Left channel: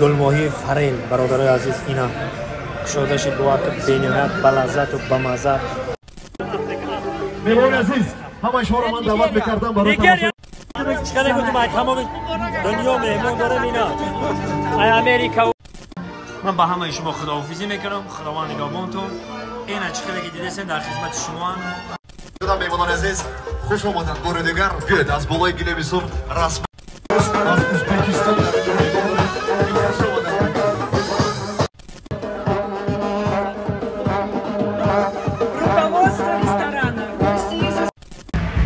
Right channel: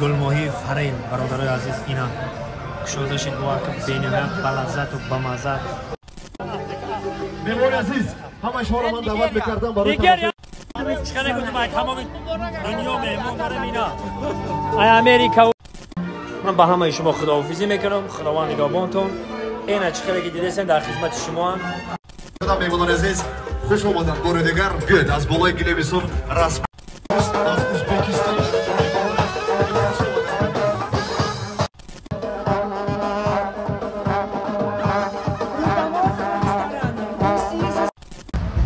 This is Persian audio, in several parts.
گلماهی فریل برادرای عزیز اینا کشوده شد با که بینهایت بلذت و بمزه. مهمان عزیز همه شما رو من دعوت میکردم دیگر چیکار گفتم باید تمام دنیا مهمان داره اینا امریکا. من با همه شما خداحافظی میکنم. خداوند نگهبانتون. اینا چیکاری که دیدین در خدمت شما هم. خدا مهمان عزیز خوش اومدن بار دیگر. بیاید از بالای گلویسون رسم از ازبکستان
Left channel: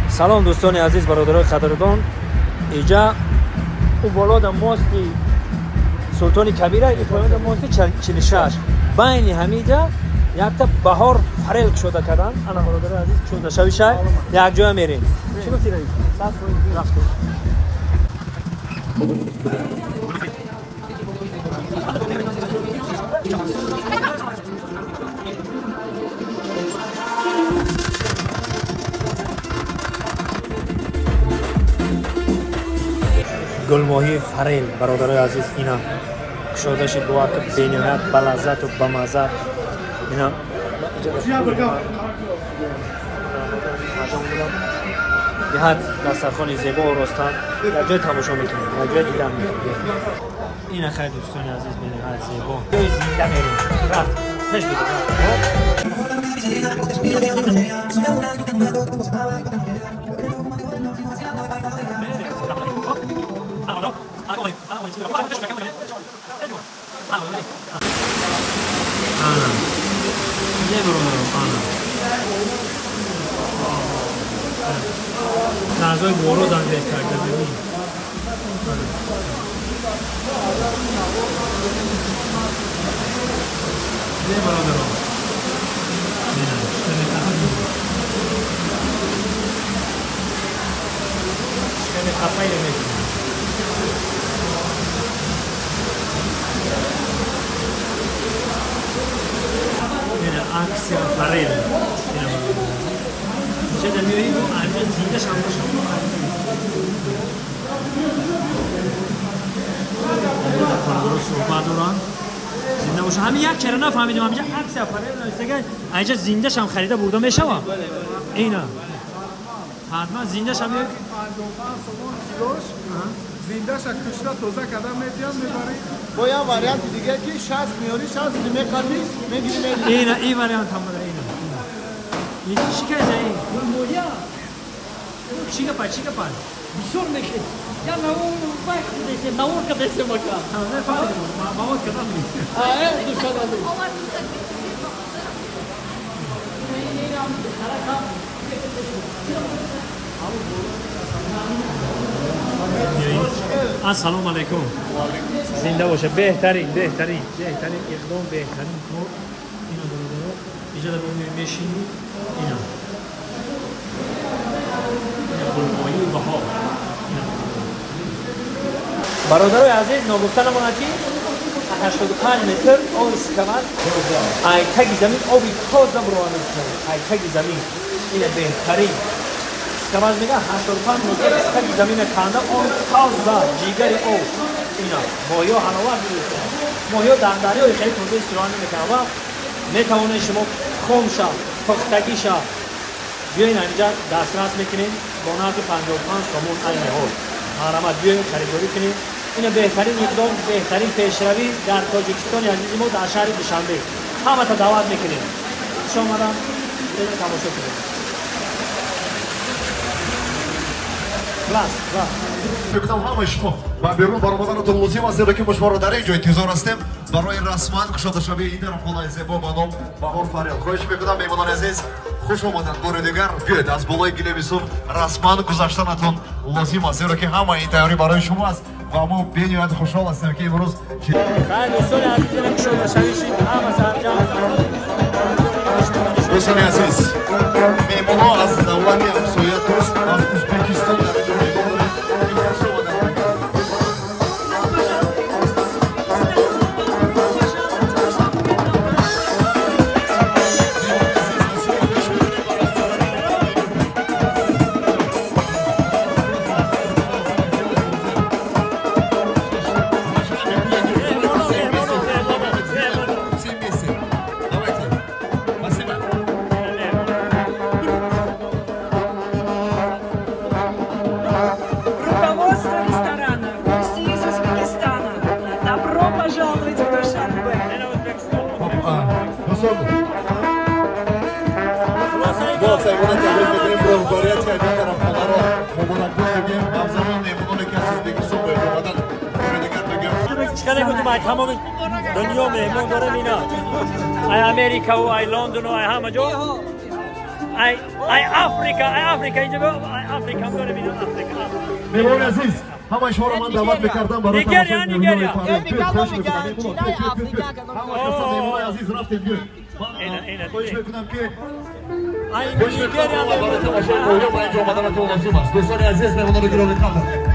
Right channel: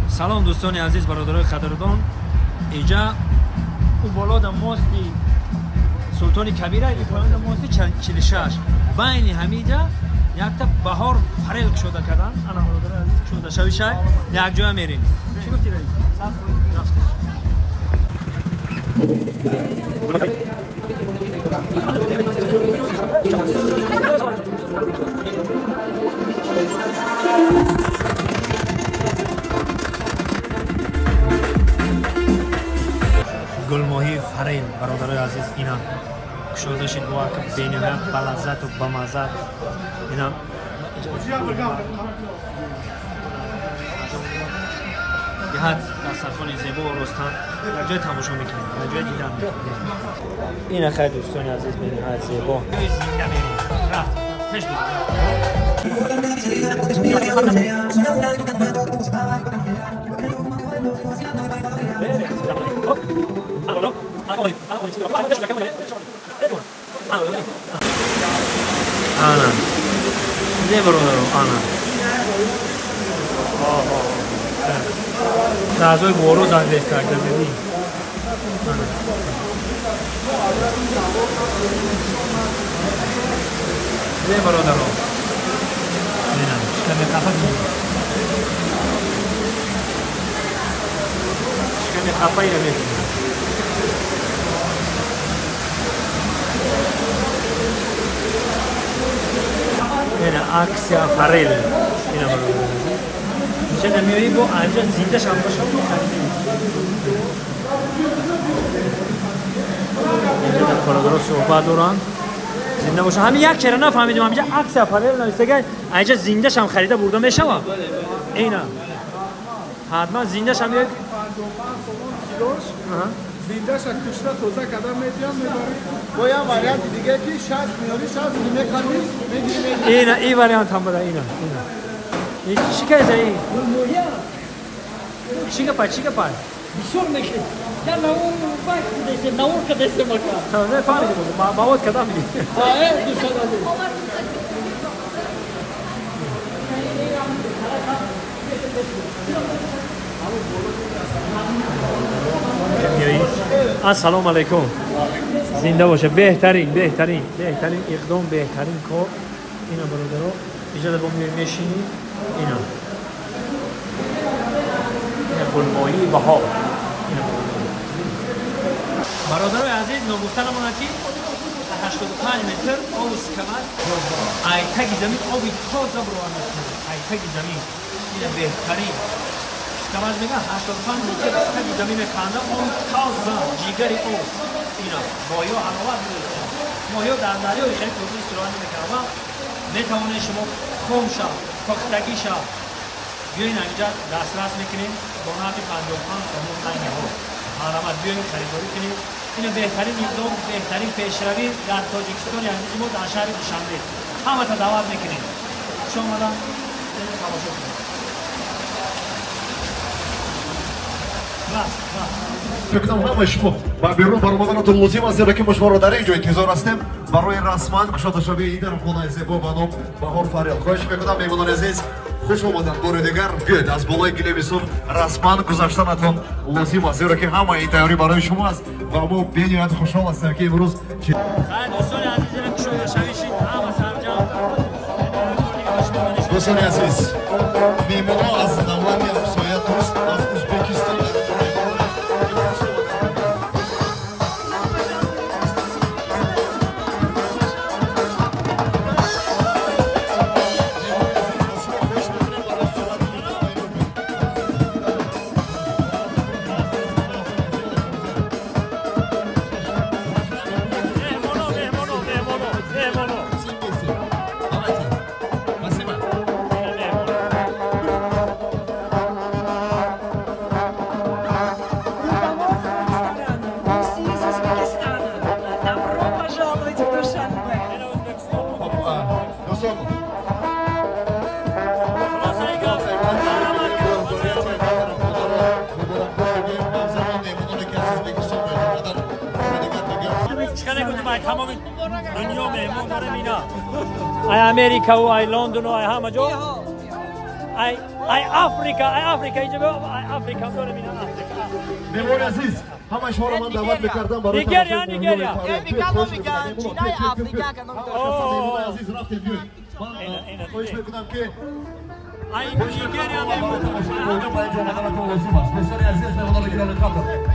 سلام دوستان عزیز برادرای قدردان. اینجا او بالا در ماستی سلطان کبیره این پایین ماستی 46 بین همینجا یک تا بهار فریل شده کردن. انا برادر عزیز شده شویشه یک جای میرین. چی گفتی رایی؟ صف رفته گلماهی فریل برادرای عزیز اینا کشوده شد با که بینهایت بلذت و بمزه. اینا یه حد دسترخوان زیبا و رستن یک جای تماشا میکنیم یک جای دیدن میکنیم. اینا خیلی دوستان عزیز بینهایت زیبا جای زنده میریم. رفت پیش بودم Ana. Ne vuruyorum ana? Nazır boru da destekler dedi. Ne vuruyorum? Ne? Sen ne yapıyorsun? Sen ne yapıyorsun? Yine aksiya farel. Yine var. İşte demiyorum bu ayrıca zinde şambaşım. Koridor sohbet duran. Zinde باشه. همین یک چرا نفهمیدم همینجا aksiya farel نوشته که اینجا زنده شام خریده برده میشه وا. اینا. حتما زنده شام یک 55 کیلوش. زنده‌ش کشته تازه کردم میتونم میبری. با یه واریانت دیگه که 60 میاری 60 میخوای میگیری. اینا این واریانت هم بده اینا. این چی کرده این؟ مویا. چی که پای؟ بیشتر میشه. یا نور وقت دیگه نور کده سه مکا. تازه فهمیدم ما باید کدام می. دوست دارم. السلام علیکم. زنده باشه. بهترین اقدام بهترین کار اینا برادرها. اینجا با میشینی اینا گلماهی بهار. برادرای عزیز نگفتنمون که 85 متر آب سکمت ایتگی زمین آبی تازه بروان میکنه. ایتگی زمین این بهترین کماز میگه 85 متر ایتگی زمین کنده آب تازه جیگری آب اینا مایا هنوار میشه. مایا در دریای خیلی تازه استراحت میکنه و میتونه شما خمشا پختگیشا بیاین اینجا دسترس میکنین با نرخ 55 سومون این حال حرمت بیاین خریداری کنین. این بهترین اقدام بهترین پیشروی در تاجیکستان عزیز ما در شهر دوشنبه همه تا دعوت میکنیم. شما را اینو تماشا کنید. خلاص میکنم همه شما با بیرون برآمدنتون لازم است که ما شما را در اینجا انتظار هستیم برای رسما کشوده شوی این در خانه زیبا با نام بهار فریل. خواهش میکنم مهمانان عزیز خوش اومدن بار دیگر. بیاید از بالای گلویسون رسما گذاشتنتون لازم است زیرا که همه این تیاری برای شما است و ما بینیاد خوشحال هستیم که امروز خیلی دوستان عزیز اینا کشوده شویشید همه سرجم دوستان عزیز مهمانان از دولت همسایه دوست از ازبکستان ای تمام دنیا مهمون داره اینا ای امریکا و ای لندن و ای همه جا ای آفریقا اینجا با ای آفریقا داره اینا آفریقا مهمان عزیز همه شما رو من دعوت می‌کردم نیگریا ای بیکم ما میگن چینای آفریقا که مهمان عزیز رفتید گوی اینا خوش می‌کنم که ای نیگریا مهمون دوستان عزیز مهمانان رو گرامی خواهد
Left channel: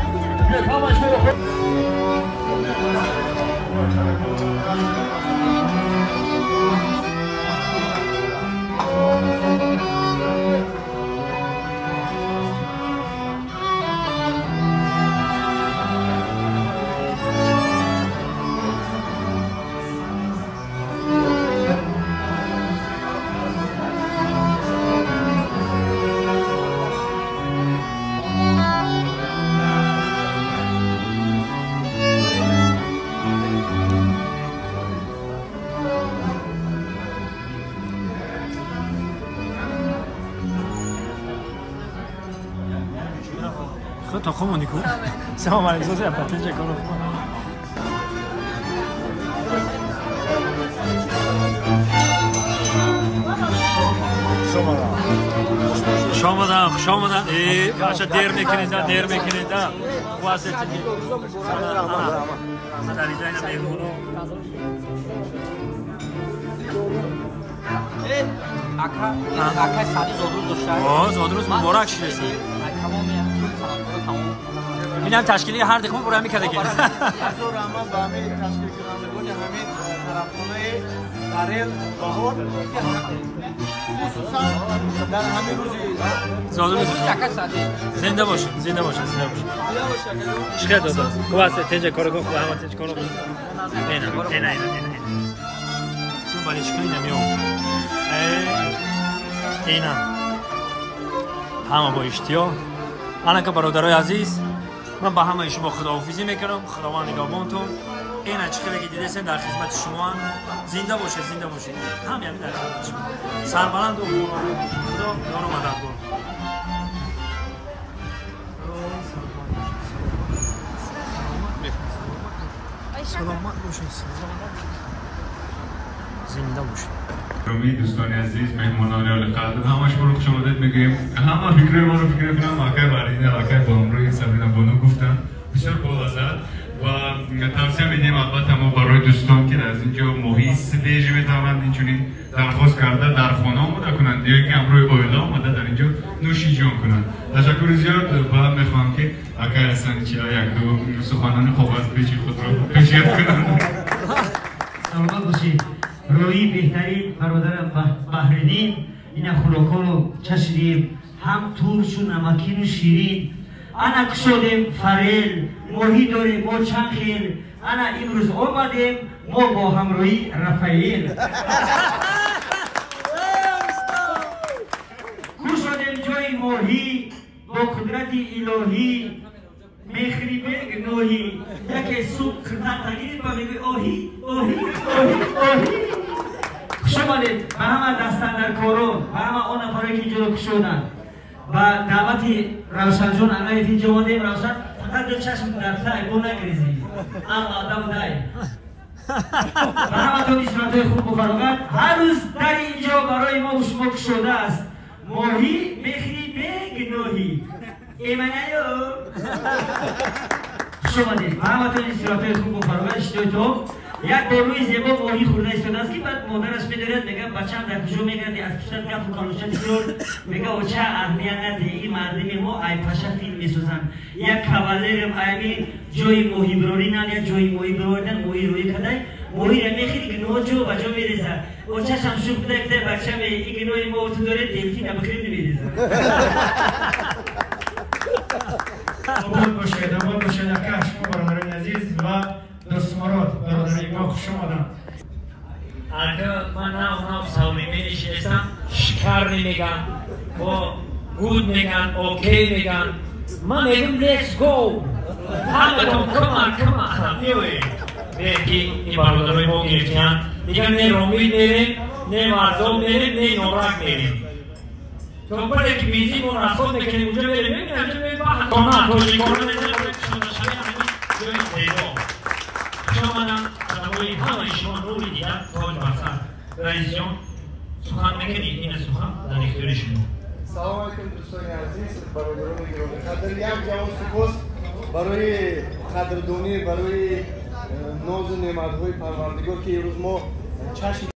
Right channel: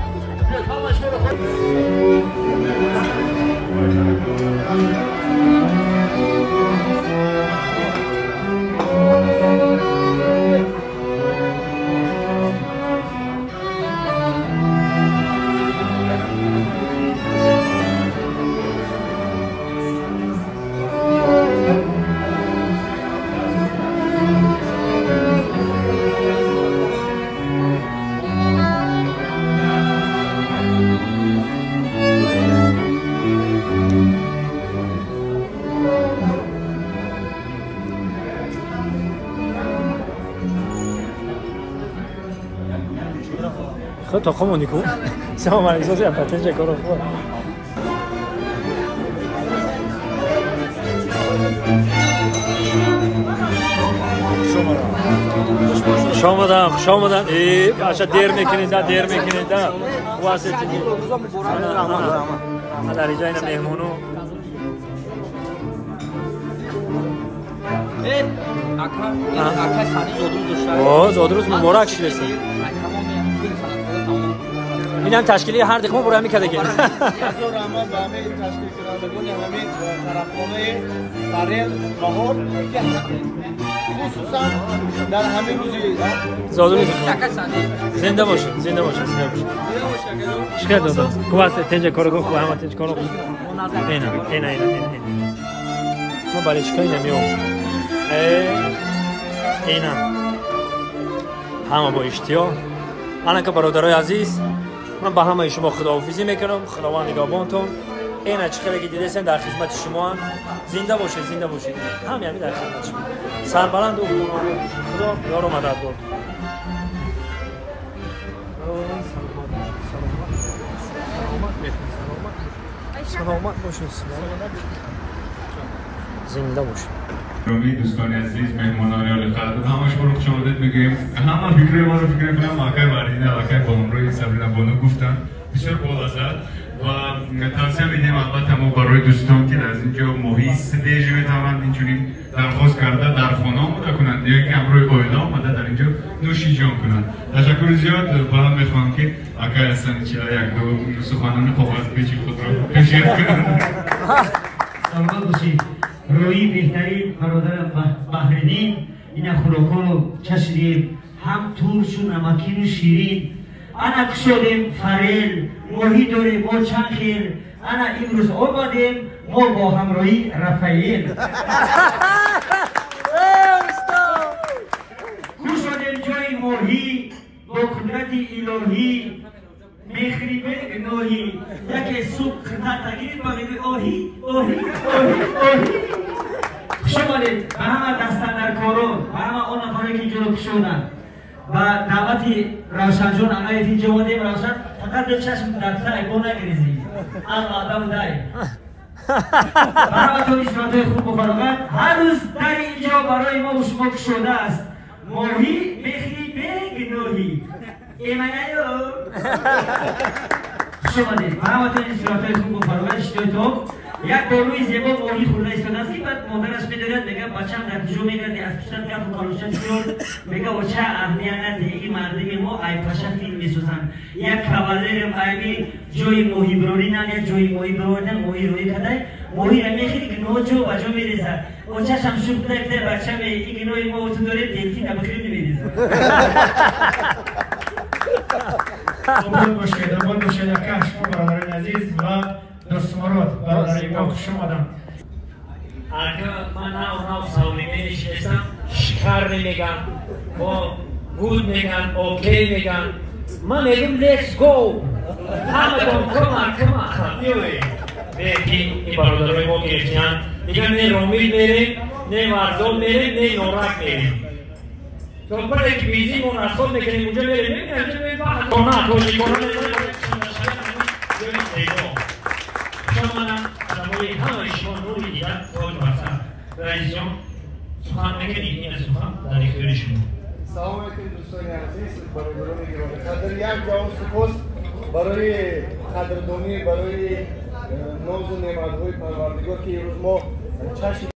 تو comunico siamo maliziosi a patente con lo fuori شامدن ای باشا دیر میکنید واسطه انا در اینجا اینا مهمونو اکا سادی زودروز مبارک شده اینم تشکیلی هر دکمه برای همی کده گیم از رحمت با همه تشکیل کنندگان همین طرفخانه فریل بهار که خصوصا در همین روزی زودروز زنده باشه چقدر دوست خوب است تنجا کارو گفت و همه تنج کارو اینا من برای چکایی نمیام اینا همه با اشتیاق الان که برادرای عزیز من با همه شما خداحافظی میکنم خداوند نگهبانتون اینا چه که دیدین در خدمت شما زنده باشه همین در خدمت شما سربلند و خدا یار و مددگار سلامت باشین زنده باشین دوستان عزیز مهمانان القدر همش رو خوش آمدید میگیم همه فکر ما رو فکر کنم آخر واردین آخر بانوی سبرینا بانو گفتن بسیار بالاست و توصیه میدیم البته ما برای دوستان که از اینجا محیط سلیج میتوان اینجوری درخواست کرده در خانه آمده کنند یا که امروی اویلا آمده در اینجا نوشی جان کنند تشکر زیاد باید میخوام که اگر هستن چرا یک دو سخنان خوب است پیچی خود رو پیشیت کنند سلامت باشید روی بهترین برادر بحرینی این خوراکان رو چشیدیم هم ترش و نمکین و شیرین انا کشودیم فریل ماهی داریم با چند خیل انا امروز آمدیم ما با همراهی رفایل کشودیم جای ماهی با قدرت الهی میخری به نوحی یکی صبح خدمت تگیرید با میگه اوهی شمالید به همه دستن در کارو به همه اون نفره که اینجا رو کشودن و دعوتی روشن جون اگه اینجا مادیم روشن فقط دو چشم در تای بو نگریزی اما آدم دای و همه تو اسراتای خوب و فراغت هر روز در اینجا برای ما و شما کشوده است ماهی میخری به گناهی ایمانیو شما دید و همه تو اسراتای خوب و فراغت اشتای تو یک بار روی زیبا ماهی خورده ایستاده است که بعد مادرش میدارد میگه بچه‌م در کجا میگردی از پشت کف و کالوشت کرد میگه و چه اهمیت نداره این مردم ما ای پاشا فیلم میسازن یک کاوالرم ایمی جوی ماهی برورینن یا جوی ماهی بروردن ماهی روی کدای ماهی را میخیری که نو جو بجا میریزه و چشم شوق بده بچه‌م این گنوی ما تو داره دلفین ابکریم نمیریزه آباد باشید اکش برادران عزیز و دوستمارات برادرای ما خوش آمدن اگر من اونا صمیمی نشستم شکر نمیگن و گود میگن اوکی میگن من میگم لیتس گو همه کن کمان بگی این برادرای ما گرفتیان میگن نه رومیل میریم نه مرزوم میریم نه نورک میریم چون برای که بیزی مناسب میکنیم اونجا میریم نمیگن اونجا میریم کنه توجی کنه شما منم برای همه شما نور دیدن تاج بر سر. رئیس جان سخن میکنید این سخن در اختیار شما. سلام علیکم دوستان عزیز برادران گرامی قدر یک جواب سپاس برای قدردانی برای ناز و نعمت‌های پروردگار که امروز ما چشم